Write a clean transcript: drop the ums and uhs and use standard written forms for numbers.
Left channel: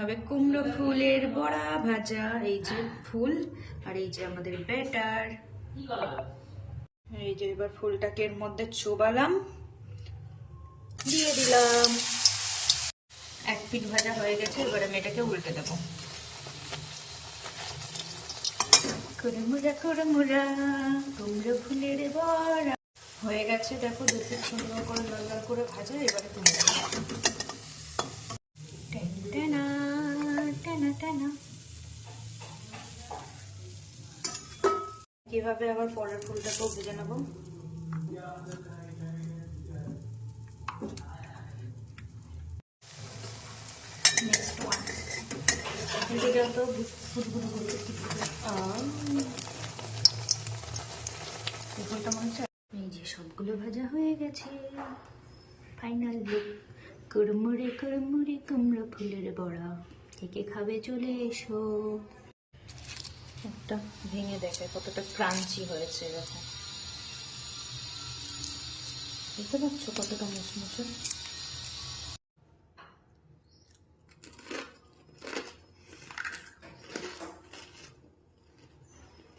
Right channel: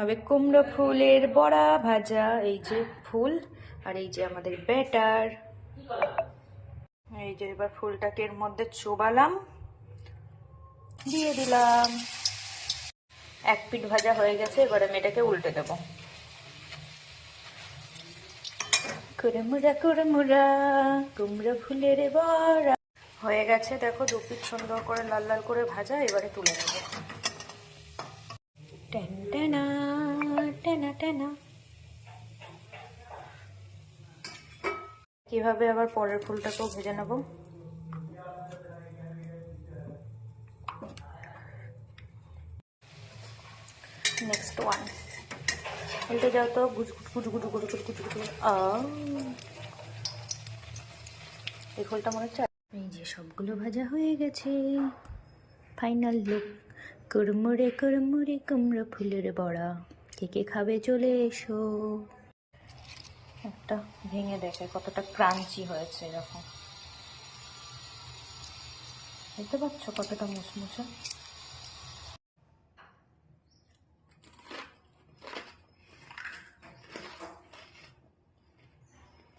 হবে কুমড়ো ফুলের বড়া ভাজা। এই যে ফুল আর এই যে আমাদের ব্যাটার। এই যে এবার ফুলটাকে এর মধ্যে চোবালাম, দিয়ে দিলাম। এক পিঠ ভাজা হয়ে গেছে, এবার আমি এটাকে উল্টে দেবো। কুড়মুড়া কুড়মুড়া কুমড়ো ফুলের বড়া হয়ে গেছে। দেখো দু পিঠ সুন্দর করে লাল লাল করে ভাজা, এবারে তুলে নেবো। টেনা টেনা টেনা। কিভাবে আবার পরের ফুলটাকেও ভেজে নেব। নেক্সট ওয়ান, এটা যাও তো গুটু গুটু গুটু গুটু গুটু। এই ফুলটা মনে হচ্ছে। এই যে সবগুলো ভাজা হয়ে গেছে, ফাইনাল লুক। কুড়মুড়ে কুড়মুড়ে কুমড়ো ফুলের বড়া। কে কে খাবে চলে এসো। একটা ভেঙে দেখে কতটা ক্রাঞ্চি হয়েছে, এরকম দেখতে পাচ্ছ কতটা মুচমুচে।